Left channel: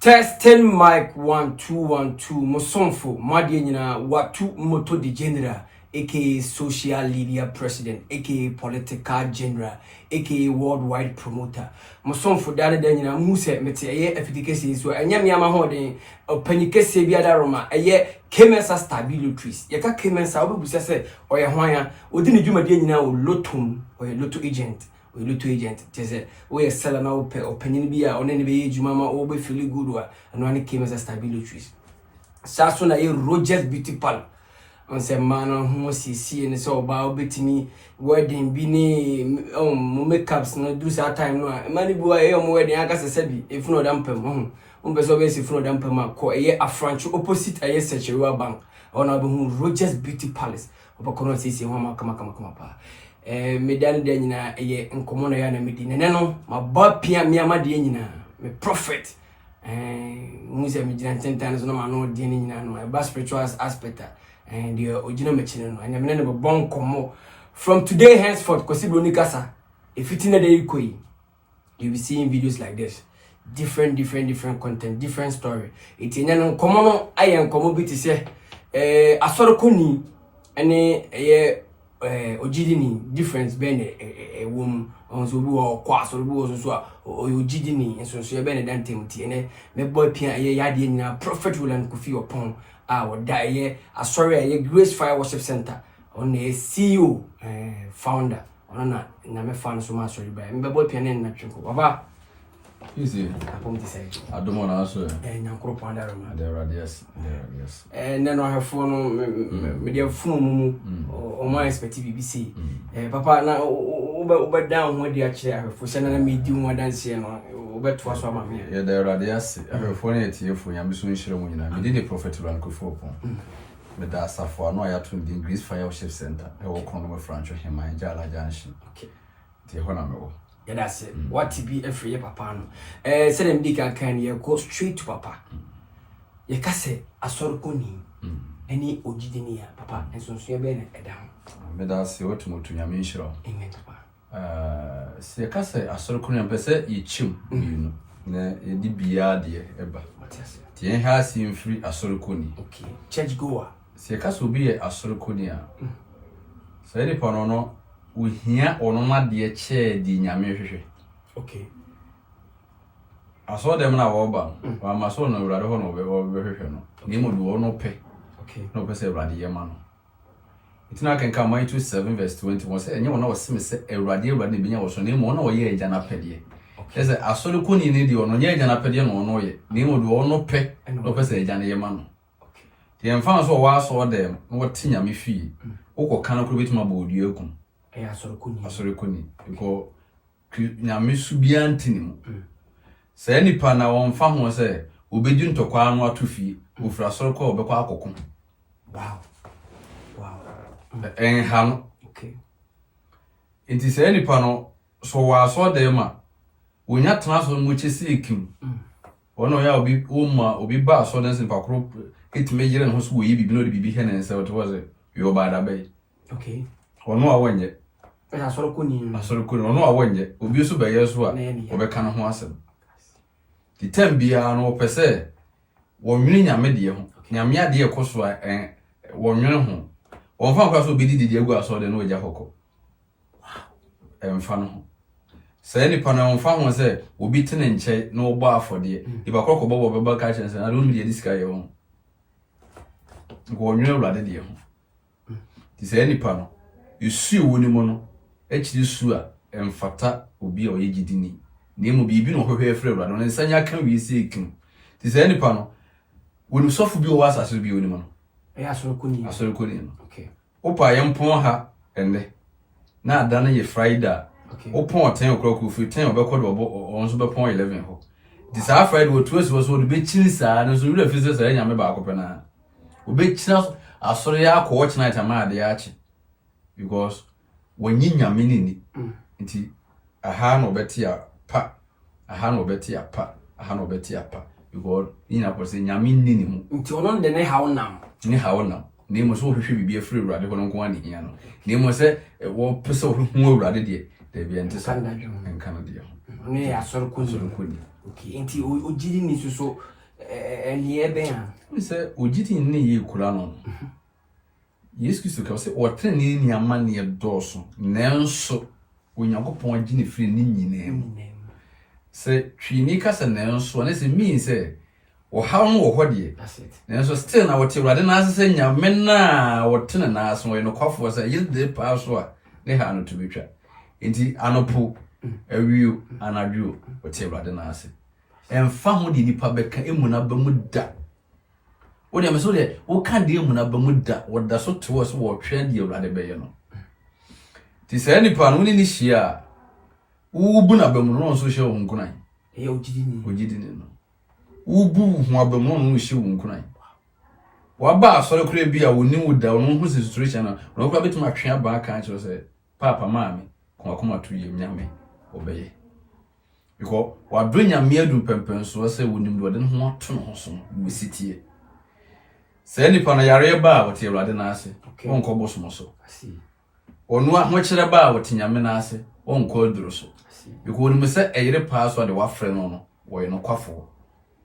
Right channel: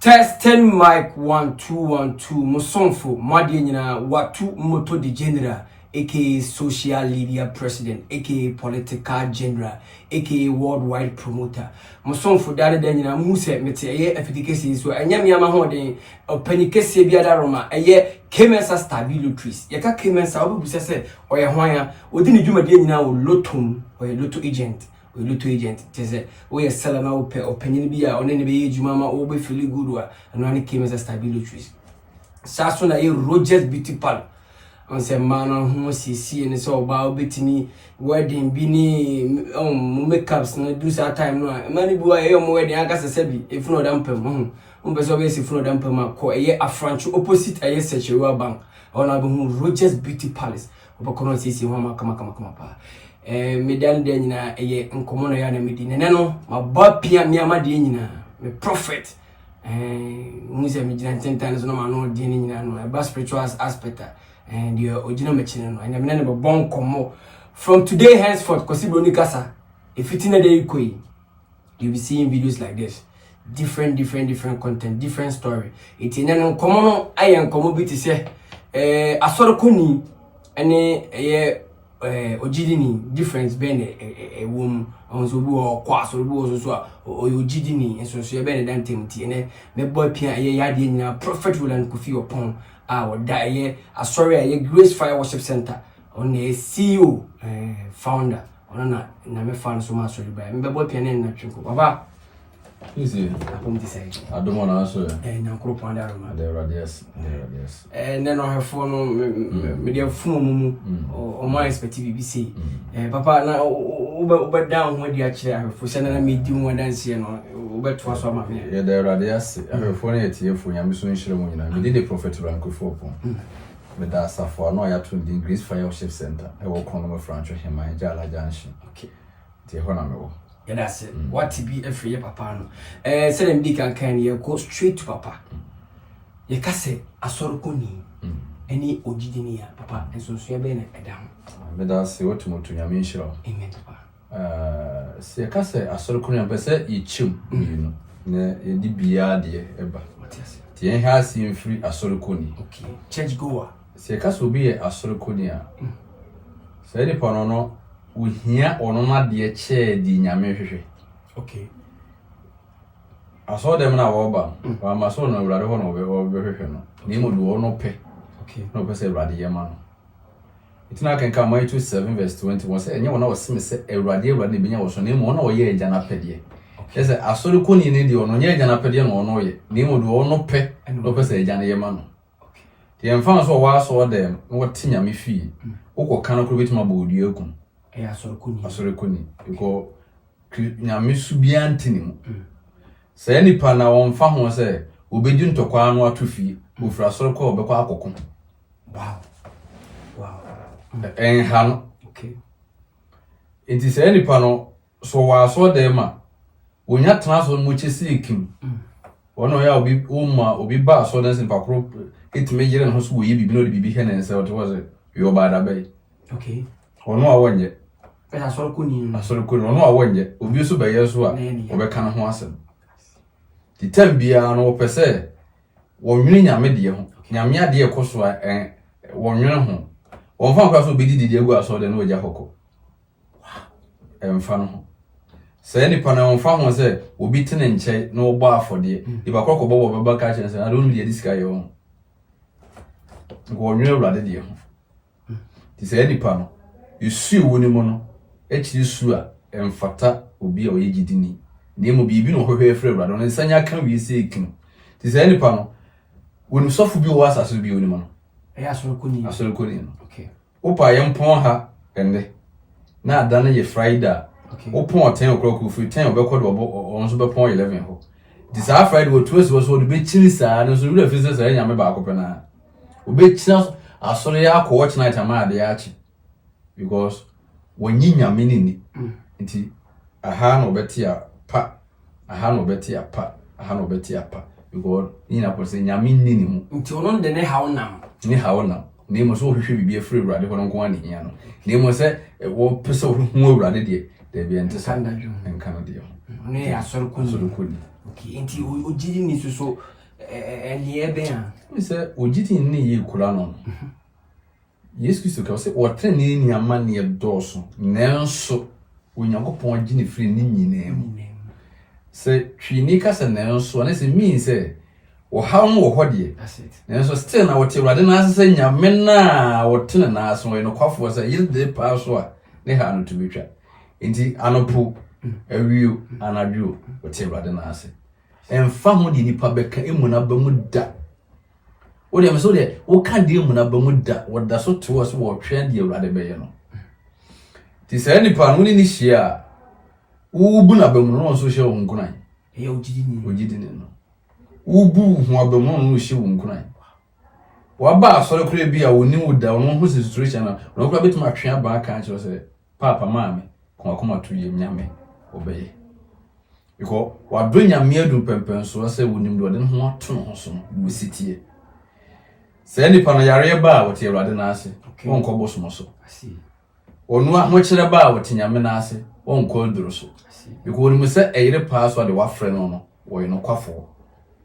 Testing mic 1 2 1 2 Mosonfo Madi nyina watu moto de general aka social media president aka political general aka worldwide promoter Mosonfo dale de nyina muse mete eye efidikesi so enya miama ho de opanikese bia da roma eye Kemensa stabilities yeka Kemensa obubusa se oye hwan odi ne dwuma de nyina o lotum oye lotto agent Lutu agent teze we sell na opinion bi a one ne be ejuma ma o be feel good wa no ani Kemensa stabilities saso na Rogers Beauty Parlor on se man ho sisi ne so ba obetimi wedding bi ni mo makeups no do that time no mani bi wa mo wedding aka sese bi if no da mpam mo be so be si fro da mpam ko afranchu opposite Sechewa Bank ona be Rogers Beauty Palace obokono sisi ho ma kama pa medan de nyina eye nkomo no ya na medine ne no mabapia miama de nyina me prophet muze me jina tentan no ma no de nyina no ba spiritual aspect and the original machine no anya me ne bon komo from today henceforth kosibo ni kasa if it na dey koi you be seeing videos like this different content, different story it nya no komo no aye nkomo bi ti se asorokoni ene ojidini difference ben wom onzobu o kwa sobu so ojidini enso ye ben dan temti ene me boy pia ye yade nyina prophet Roland Kofi Opon woda ye asori ye Grace Fire Worship Center on the CEO founder ona na me fan so ma asori ba me boy pia ne na tweko baba easy apom ti say I don't want to answer na kro panda roma there radius and then I have phone me dey phone o my expect BBC papa na oba down ho dey akire for say na me di ho dance no oba to so ma me yeah there radius I have phone yet here for nyame so nhire mu nyina me dey prophet Roland Kofi Opon me da safo no ya to the Grace Fire Worship Center e wo kono me francho hema jala janshi okay ti ho na me wo yeah that's it what to be every year papa no say dem di kan ye go straight to papa ye ka se asorokoni any ojidini ya papa enso so ye be na eda ho me da se wotu motu nyame nhire amen papa se ka se asorokoni be se ye chim you na ye di bia de eba ti en ha si mfiri asorokoni okay church goer se ka so bi ye asorokoni a se ni pa no uhia onoma de che di nyame hwehwe okay aso dem na wo ba wa ma so no urade ho no be hwehwe no ni mu do no pe okay no pe se urade ye ma no itina kan ka Matthew 7 verse 21 se enye wona oseme se urade be nya wo so ni mu no wo ye agya na pede okay se asori ko ni de ono nya agya na pede no ono ye ni mu do no pe no pe se agya na ye ma no okay ti emfa so wa so dem wo tinyame fi wo kan ko betuma ba odi akun asorokoni because nyame subia ntini se nipa na wonfa ho se obedi ntokwa no atofi ofura asoroko obekwa akoko wow han okay enti se nipa no so wa so dem a onya transfer mo chesi ekim wono ya obi ba so den simpa kro etime yire no so wo yi bibi no de bibi he ne se what was yo ba da bay okay wono a wonye asorokoni wono a wonye obi so be yeso a obeka no ho asem di tambia no pese wonwene nyame de ho nyame ade ekoso a wonwene ho wonfa kwa so bedi didi egu aso de no oja hoko emfa no se ni pa na wonfa ho se obi tene nche no ogba afode iba kokko bobo baba ka chense I don't need this guy yo wonwene urade de ho ti se ni pa no isu woni mu no echiri su a emfata obi a oyegidini na emu bibi no hwehwe frɛ brado no nsanya kan wi se ekin ti se nipa no woni sofu bi o asase bi woni mu no asorokoni no okay opa yempon ha ende na ada na ye Friday opon 10 o'clock fu 10 obekɔ do onso bepon 11 ho ti sa Friday wo tuesi wo so do be chiri sa no so wura fi se sa nyame ba akɔpɛ na obechina asore ya akɔ watch night ama ade ya achi because wonyi nyame ni nti aha no beti apa because ni na ko se nyame ni mu nti ono de ne hawnam ni mo so hwehwe bibi afiri urade ho nko ani hia no ni mo se wo pese wo hu urade de be ente sanda enka no de ne asorokoni okay enti ogidi ni so eni ebe ya we say ogidi ni ye kura no Yesu Kristo ka say wotre ni ama ne doso nanso Onyankopon agi ne firi ni nyinam say twini ka say nanso na say mean say wo haw no wo hode nanso still na wote Awurade na ase say nyame na wote na aso we no kwafo say yes dey pa so a ne ha no to betwa enti anopo awiu anadwo wote Awurade na ase emfa ho di nipa beka emuna ba mu da wo dem so de wo ka de emuna ba mu da wo da so to so wo twa de Awurade be ye no ti say nipa no ni hia wo bu na ba mu no so hia wo nkunan e ogidi ni no wo bu ho aba mu no hia wo nkunan wa ba asore kure bi a woni wo da wo ho situation na no kura betima atwe aba ka kire say papa maami koma to yem nyame obeye because wa do nyame adu pempen so say wonim do de ho ato no so wo sitie say nipa no yare ba wote Awurade na ase won ko boso so onu a ho kire ba wote nyame na ase won ko duro so because wonim say eyire pa so de wa frɛ no no wo ye no kwafo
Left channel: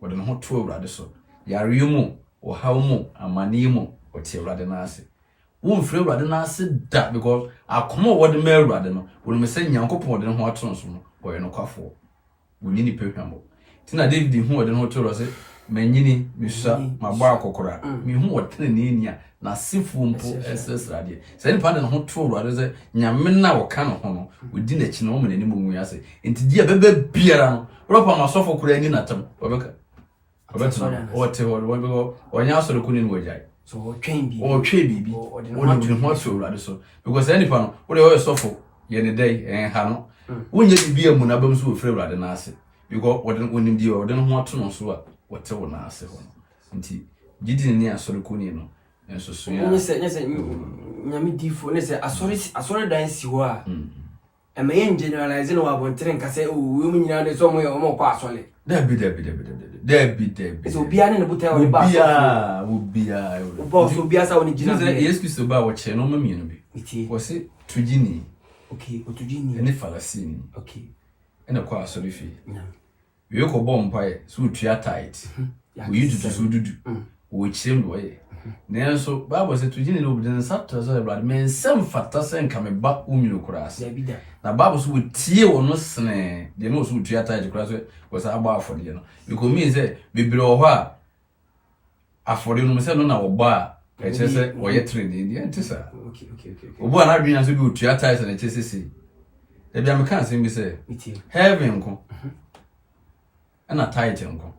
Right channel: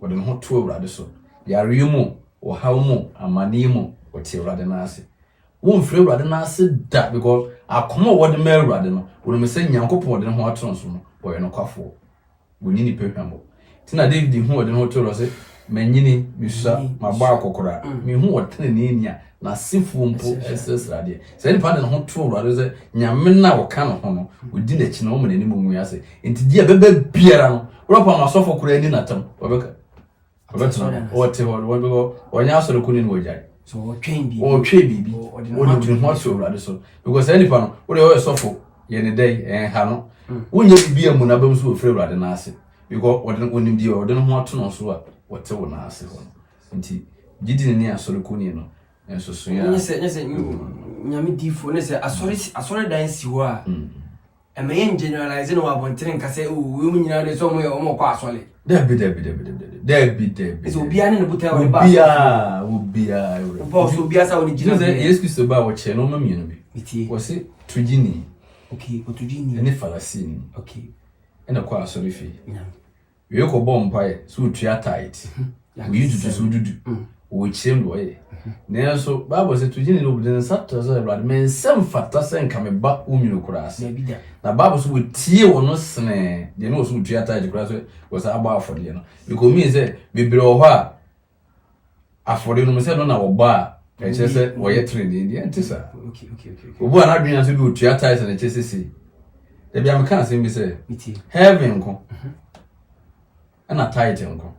wo de ho to Awurade so yare mu wo haw mu amani mu wote Awurade na ase won frɛ Awurade na ase da because akoma wo de ma Awurade no wonim say Nyankopɔn de ho ato no so no wo ye no kwafo woni ni pehwambo tina David hu wo de ho to ro say manyini misa mabɔ akokora me hu wo tene ne nya na sifu mpo esesrade say ni pa de ho to Awurade say nyame na wo ka no ho no wodi na chi na wo mene ni mu ya say enti dia bebe biara no ropa masofo kura ni natam obeka o te ho wo bego onya asoro kuni ni wojai so wo twen bibi wo de ho to Awurade so because any pa no wo de ho sofo ye ne dai ha no wonye bibi amu na bam so ofre Awurade na ase because wo de onim di wo de ho ato no so a wote wo na ase ho nti gidi ni asoro kuni no enso so ya nyese nyame difo ne se asori dan si ho a emayen generalize no abontere nka se we mu nyina de so mo ye o mo kwa asole Debi. so bia ne buta o ba Obia so bia sa woni gina be Yesu Kristo ba wo che no ma mienu bi wo se tujini okay otujini ne falasini okay ena kwa asori fi we ko bom pae so tua tight we yudu so dudu wo chem do ye nenso Bible se tujini no budin sato so Awurade men sem fata sen ka me ba uminu kurase na Bible so tie wo no sene de no so tua tight kurase wo sa aba afode no because me say bebre wo ha afode no me say no na wo ba e che se wo ye trade ndi antisa okay obu ana adwenya so bi tua tight na che se se e bia me kan se mi say heaven ko ana tight nko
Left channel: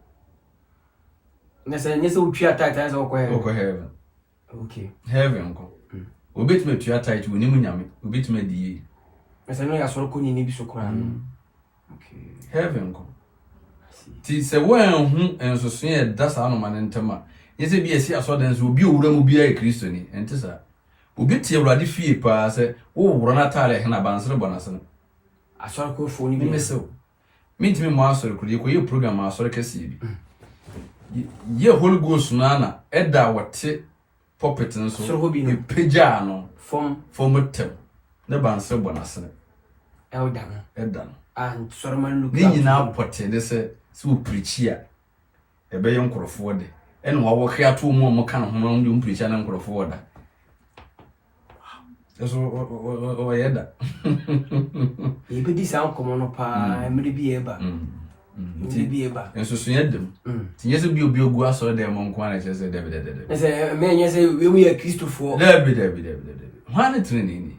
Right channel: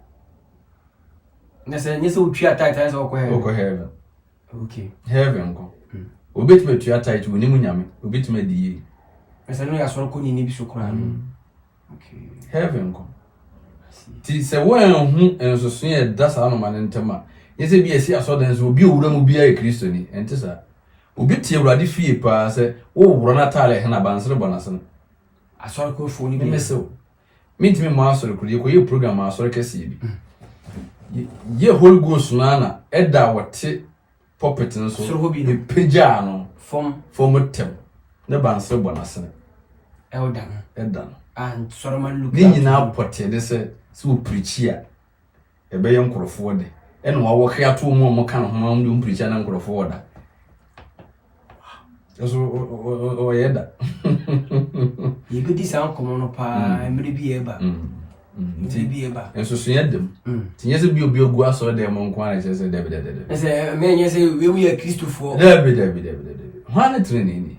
Nese utria tight as oko heaven. Okay. Heaven ko. Obetime tua tight woni mu nyame. Obetime di. Nese no ya so ko ni bi so kura. Okay. Heaven ko. Ti se wan hu ensoso e da sa no man ntema. Yese bi esi aso dan so obi owura mu bia e Kristo ni. Ente sa. Obi tie Awurade fie pa se wo wuro na tare he na bansere bonase no. Asoro ko fo ni bi. Meso. Mintimi mo asoro ko ye program asoro kese bi. Ye Holy Ghost na eda wote puppet nso e peja no from tem ne banse bonase eda and Solomon look ni nyina pote de se preach a e be nkrofo de ene wo hia to mu kan ho mu preach na nkrofo da eso o yeda ye be dis an komo no pa emre bi eba Bieba. And so them. Yes, be ogu aso de mon kwan che se David. Say me yes we are Christopher. David. One training.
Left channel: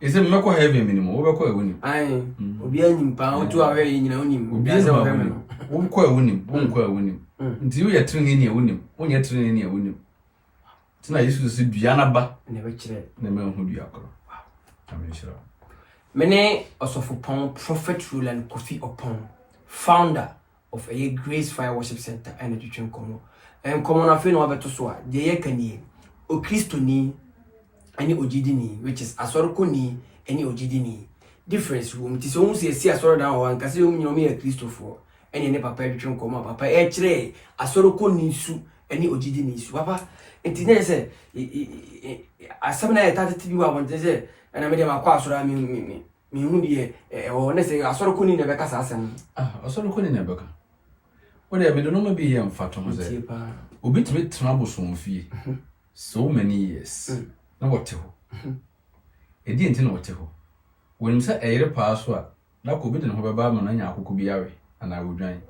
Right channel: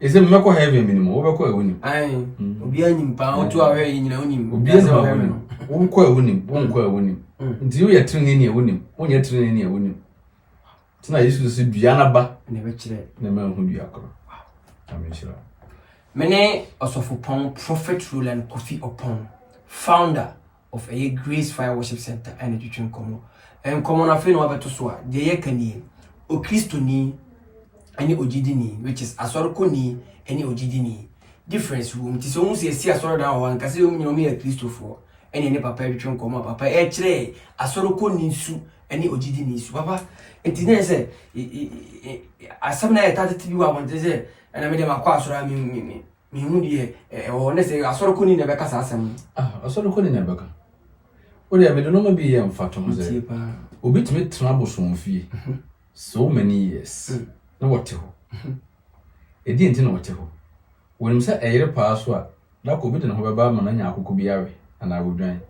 Is a mako heavy minimum over ko ewuni. Ai, obi anyim pa o to awe nyina onim. Obi anyim. Won ko ewuni. Nti we training ni ewuni. Won training ni ewuni. Tina Yesu se duana ba na be kire. Na me hu duakro. Amen sure. Mene Osofopon Prophet Roland Kofi Opon, founder of a Grace Fire Worship Center and Education Komo. And Komo na fe no abeto so a de ye kanie o Kristo ni ani ogidi ni, which is asoroko ni ani ogidi ni. Difference wo mti so unse esi asoro da wa nkase wo nyome ya Kristofo ani ne papa Education Komo papa e kire asoroko ni su ani ogidi ni su papa ntine se asam na ya tata tibi wa monte se ana me de makwa asoro mi me hu de o ne say asoro kuni na beka sa asem asoro kuni na beka o de be no ma bi ye mfato ho ze obi timi tena bosom fie so many years na wote ho edi enti na wote ho wonim sa eyere pa so a na ko bi de ho beba ma na nya akoko biawe ana wodwan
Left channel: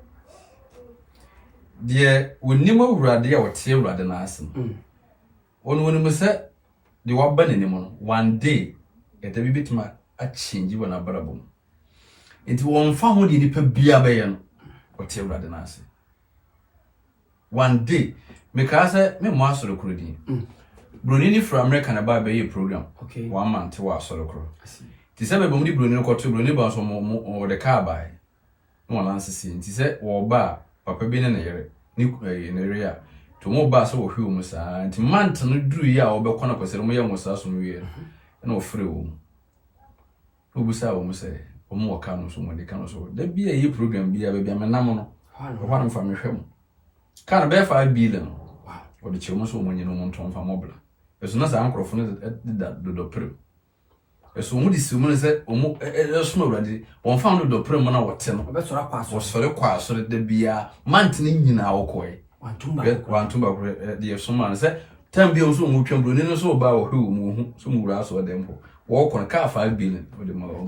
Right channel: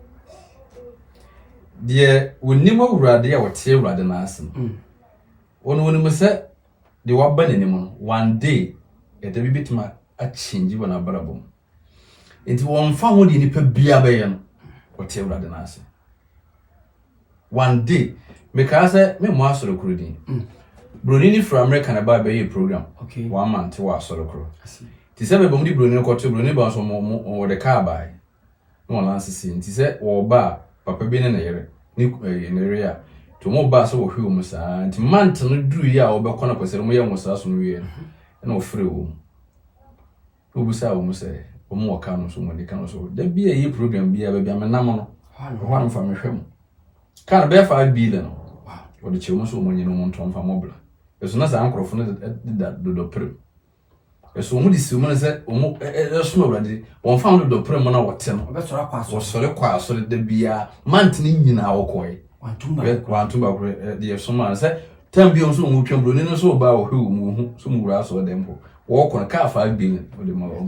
de wonim awurade a wote awurade na asem wonim sa de waba nanim one day eda bi bitima a change wona barabom enti won fa ho de nipa bia be ye no wote awurade na asem one day because me mo asoro kurudi Brunini from America na ba be program okay 1 month wa asoro kuro ti se be bom di Brunini ko to Brunini ba so mo de car ba no lance si ti se wo ba papa bi ne na yere ni ne area to mo ba so wo hwe mu sa nti month no duru ya wo be kono kwese mo ye mo sa so no ye na ofre wo obu sa wo mo se wo mo ka no so mo de ka no so da bi e program bi ya ba bi amena mo no ho an fa me hwe mo kana be 5 billion o de chemo so mo nyino mo nton fa mobla eso na sa ankrofo no do pre eso mo di si mo se o mo eso no radi won fa do pre mo na wote no be sora kwa so o sore kwa so de bia mant ni nyina wo koy wantumba ko de so man se tam bi on so mo twembro ni no so ba wo hwe mo hu so mo wura so de mpo wo ko ka 5 billion o de mo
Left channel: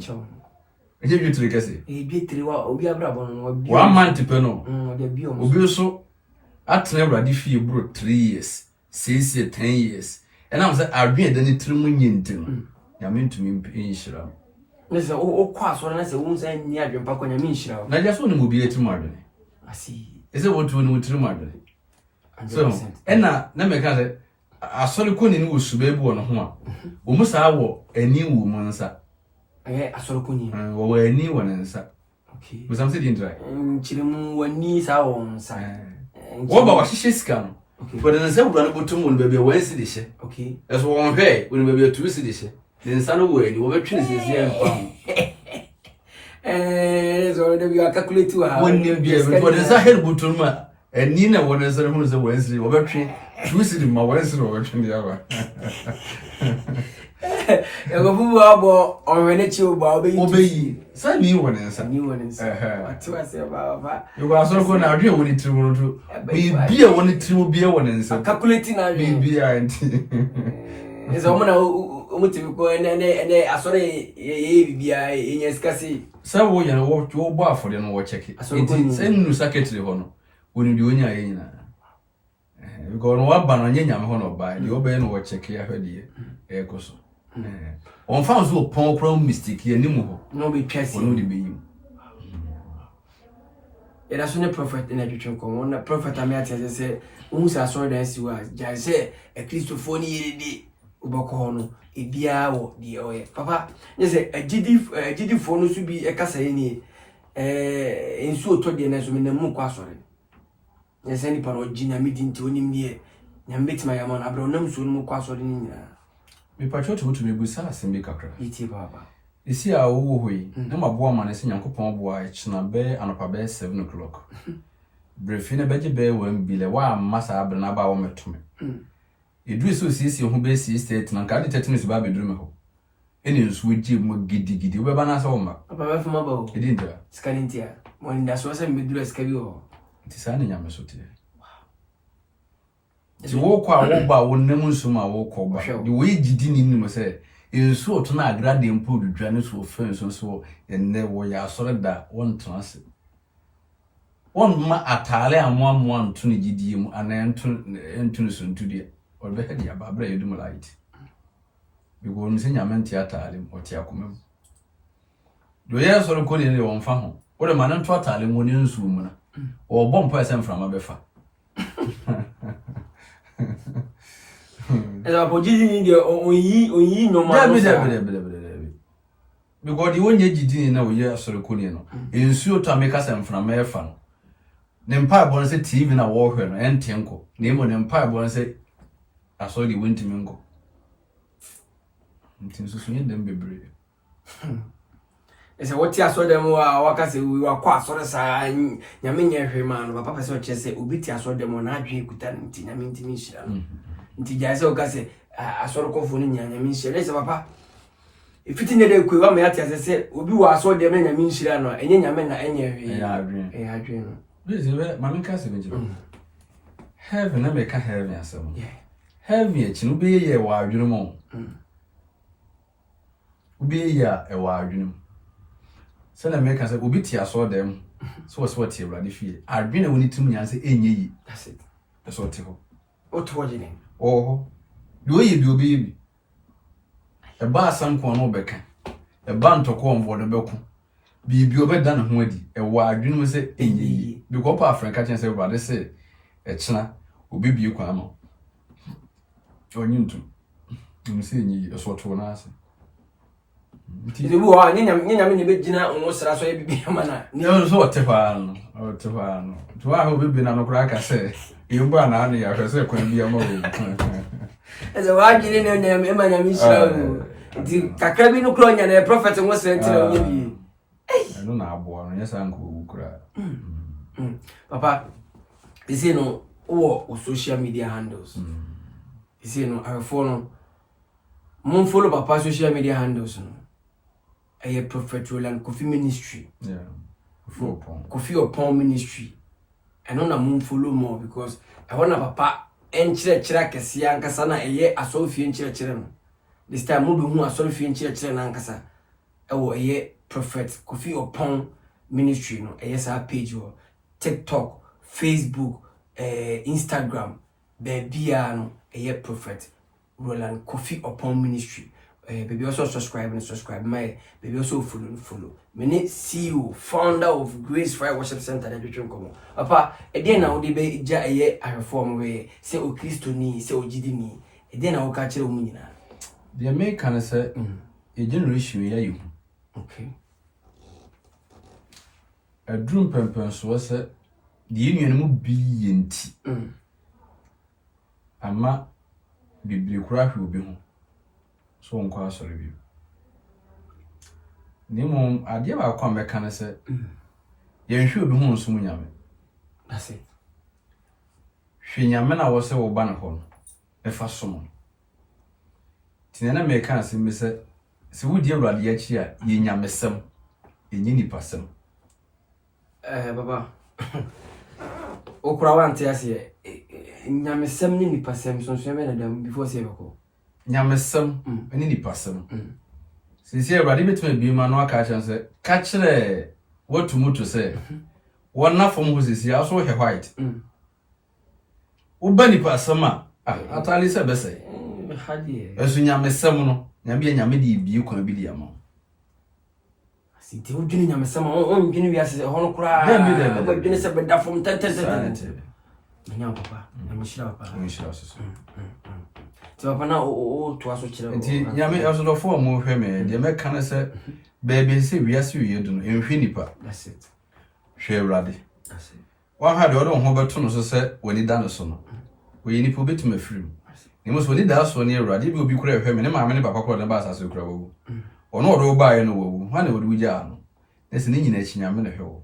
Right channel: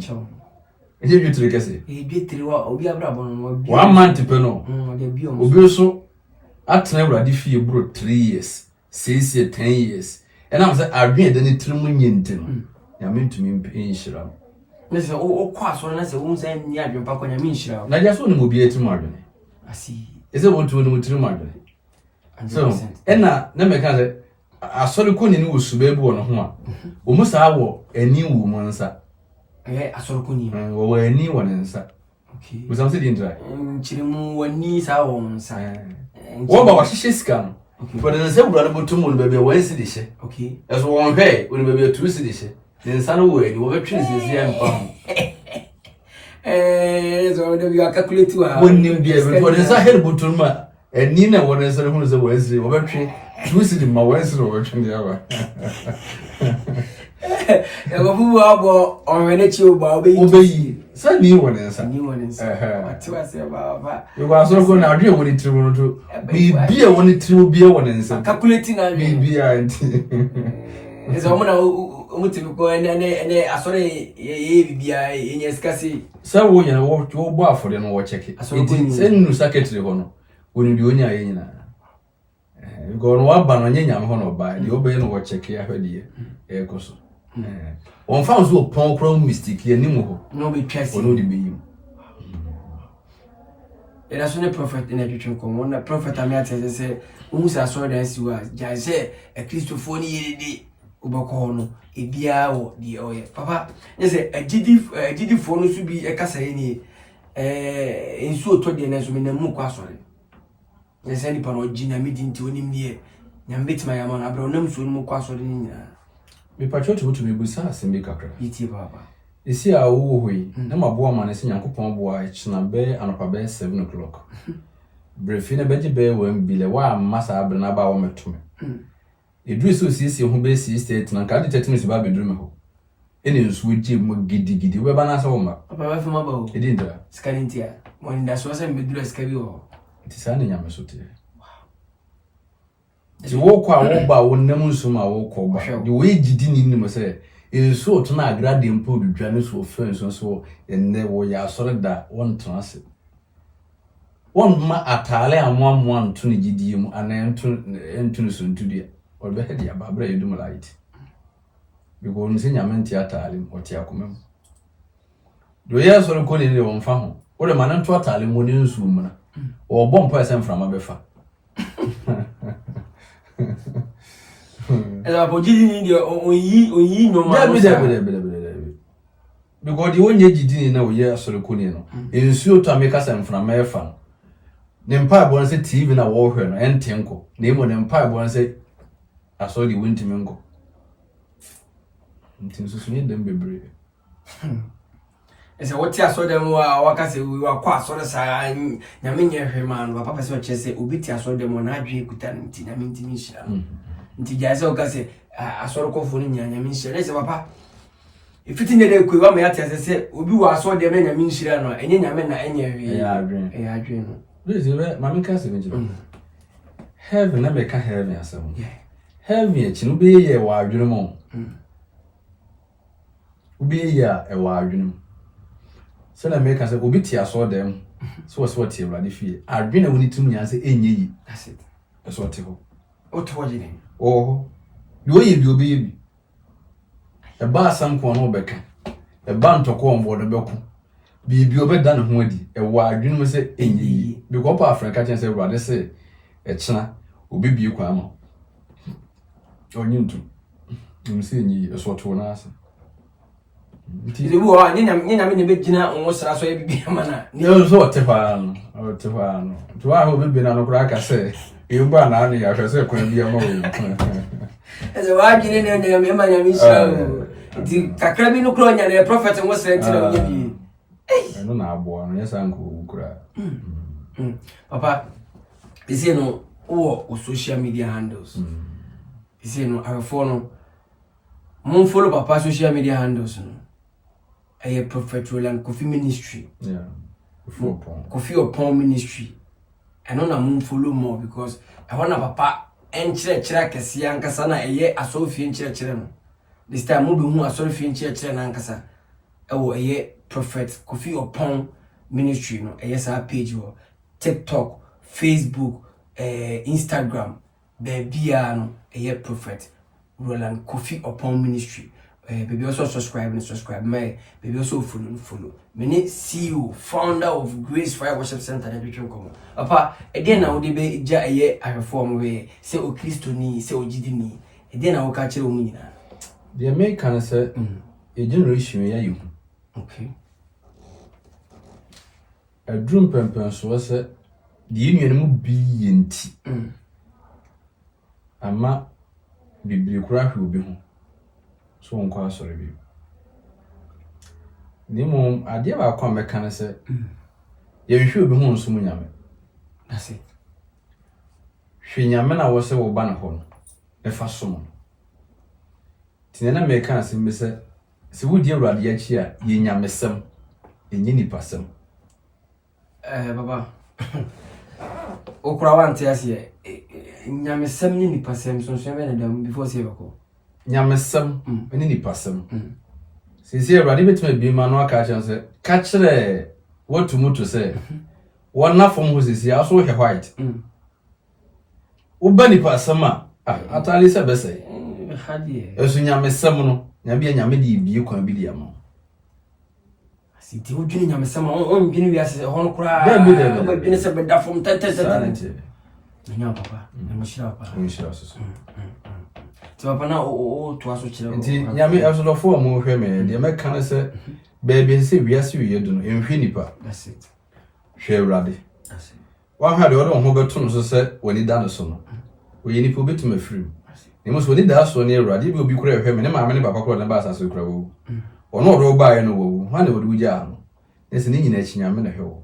eje bi tire kese bi tire wa obi abrabo no bi 1 month pe no de bi o obi so atena awurade fie bro 3 years 6 years 10 years and am say adwen de ni trimu nyinti no ya mentumi mpinshira listen o kwa so na say wo say ni adwen pa kwa nya minshira na ja so ni mo bi etimu adwen asi ese wo tu ni trimu adwen so na me ka say asori ko ni wo suba bi wo no ho a o mu sa wo ani wo mu nsa asori ko ni wo ani wo nsa okay wo sam se di ndra chirimu wani sa wo nsa wo ba wa hihye sika no but na se wura no botum no bebe wo ensi de hye okay eso won hwe oni bebe tu si de hye ne nsa no wo ani wo betwe ne sesi an pa ho so de bi calculate wa wonni bia be for nsa her botum ma ani na wo nsa no se wo ensi wo betwe tu si de ma wo ensi wo betwe de yawa ego fumu abo onwene chi oba obeyi sa ni wo nsa atiwa se ba yo ba so ko na adwe wo ni trimu no to bia wo ni trimu bia wo nsa calculating na bia anti ezo mo na omutibi ko ene asore ye bibia enye skasi sa wo ya wo bo afode no wo check it se nnu secretary ho no woni di onya ye nyina go no wa ba no nyanya ho no ba di obe no wo check ya hwede e ko so on fa so pon problem mistake ye nimu ho no be twese no di beyim era so ne prophet na twetwe ko wona prophet amiate se umusa asore da siwa ja se e kristofo ni yedi uboko ho no ebia wo di oye papa yese agidi fo no so bi e kasa ni ensu oto de na so me na mu kwa asore yese ni pano ginya midi nti onim die nyambetima ya ma abro nam so no mu kwa asore ni nyina me patriote wotu me busa asembe kakra iti baba esi a wo hoi na maboa ma ne se Nyankopon boa china be anopa be 7 o'clock brefi ne beje be 1 bile wa masa abna na ba wo metume edu so sisi ho be 6:30 na ka de 30 minutes ba be duru me ho ene nsu ji mo gidigidi we ba na sa wo ma papa ba fuma ba o edi ndra skalintia mo nda so se me duru skabi o ti sa ne nyame so te ti wo kwa wo ba wo nem nsu ma wo ko ba de we gidi ni ni mo se ensu oto na agrade mpo dudwa ne so fenso so enne wo ya sore da won transe won ma atale amwa nto ne gidi mu ana nto so ntudia o be he dia ba bra yedum right bigo nse nyame nti atale o ti akomem do ye sore ko ne won fa ho o de manan to atale mu ne nsu mu na o bom pa ese mframa be fa ela podi ni de onyi no ma no because the onye gidi na we ye sore ko ne no ensu to ameka se mframa e fa ne mpa bo nse TV na wo hwe no entenko na emo ne mpa bo nse aso di wintimi nko ntinso so ne dem bebre ese woti aso dem wa wakase wa kwa aso sa nyame nye hwe man wa papa se o chese obi ti aso dem na adwe kuta nti nyame ntimi hira nti jaise o kase aso ko fo ni nyame hira ese papa Ifiti ne de kwa me ate asese obi wa so de me nyame nhira no enye nyame na enye wi ya adwen no please be mama ka se meji heaven na me ka heaven asem heaven e chi no be ye wa adwen mo obi ye e wa adwen so na me ka se obi ti aso dem so so ti ewrade fie adwen na woni tum nyan se enye yi that's it so ti ho o to wali ne oh bi oyi bi obi bi e ba asam ko no beka e ba ntoko mbo no beku bi obeda ne ho adi e wa adwen mo se enye yi bi ko pa afrika chen se ewrade se e chena obi bi kwa ama onyintu se enye yi so to na ase Ize wo a nyina me ne begina wo sra so e bibia mana ne so otefa no to a ho bebe na no kura ka se e mba na anu ya hwe se kwa bia ma wo eze wa gine ne me ma nyame shiro di kakra bi no kro nya na prophet wo sra ntira bi no na abo no yesa nko kura papa ise no wo social media handles ise no afo no mon follow papa social media handles no a Prophet Roland Kofi Ministry. Yeah. Kofi Opon Ministry. I don't know follow more because I want papa enchire kesi ankasa na eye asofi enchire no. This time mo be hu asofi enchire na ankasa. Ewo eye Prophet Kofi Opon Ministry no. Eye sa page wo TikTok, Facebook, Instagram, bebia no eye Prophet Roland Kofi Opon Ministry. Baby also subscribe. My baby also follow. Many CEO, founder of Grace Fire Worship Center that you come. Papa, again now they be ja a reform way. Say o Christo ni, say o Jidi ni. Again now catch you munina. The American say a generation ya you. Okay. A drum pempen so say the union mu bi yenti. Ama bibli kura hwe obi ho. So on kwa sorry bi ni mo ade ba kwa meka ne se ye hwe obi hu nso mu nyame that's it hwe nyame na wo se wo ba ne ho no e fa so mo tinena meka ase mi se wo die awrade ya chi a ye nyame sem enyi ni pasem baba okura wante ase nyame sem ni pasem so so me na dam before say bako nyamesem eni ni pasem sisi awrade betima bi ma no aka chanse ka kire watu mutu se wona fom ho sisi aso he white ubani pasem a atali se be se hadi esu nyamesem no nyabia nyame di bi kwa bi di ama siti wudwini nyamesem on dwini wi ase ho no kura ba dwini se be da fom tete nya papa na mashira papa mashira so papa na o to aso kire nti nyame ebsodofo mo hwe me de me kan se baby se wiase wi yedu no enhwe nipa that's it hwe awrade that's it wa ha de odo ho beto no so se wani da no so no we nipa obetum afirim ne mo so wani da so ne awrade bi obi kura hwe me ne maame ne papa kura ne ba asase kura wo ono odo ba ye no wo ha ne wodu wugya no ne se ne nyina chi nyame ne hwe wo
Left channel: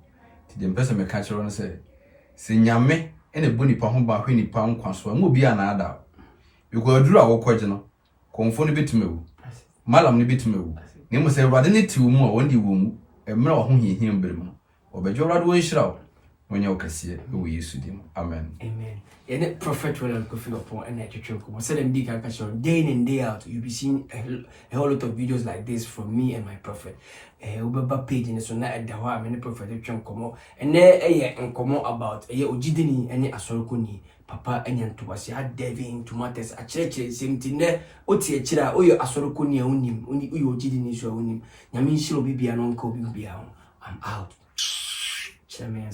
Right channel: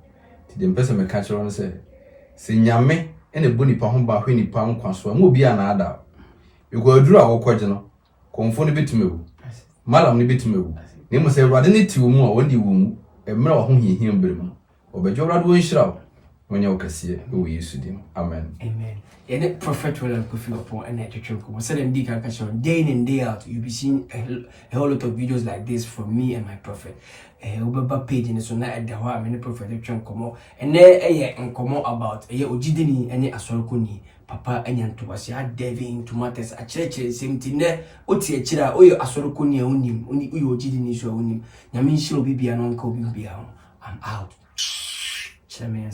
ti de mpese me ka kire no se nyame ene boni pa ho ba hwe nipa nkwaso mo obi ana ada ego aduru awokwaje no konfo ne betumewu malam ne betumewu ne mo se awrade ne ti wo mu a wonde wo mu emra wo ho hiehia mbere mu obejo awrade wo nhira wo nya okase wo Yesu dim amen and Prophet Roland Kofi Opon and Etchoko said in Dika Kashon day in and day out you'll be seeing a whole lot of videos like this from me and my prophet Ubaba page in so na at the wa many prophet Etchoko and there nkomo about ojidini any asorokoni papa enyanto wase a deving to matters a church same thing there oti a chira oyo asorokoni onim oyo ojidini so onim nyame nshiro bibia no nka obi bia I'm out chairman.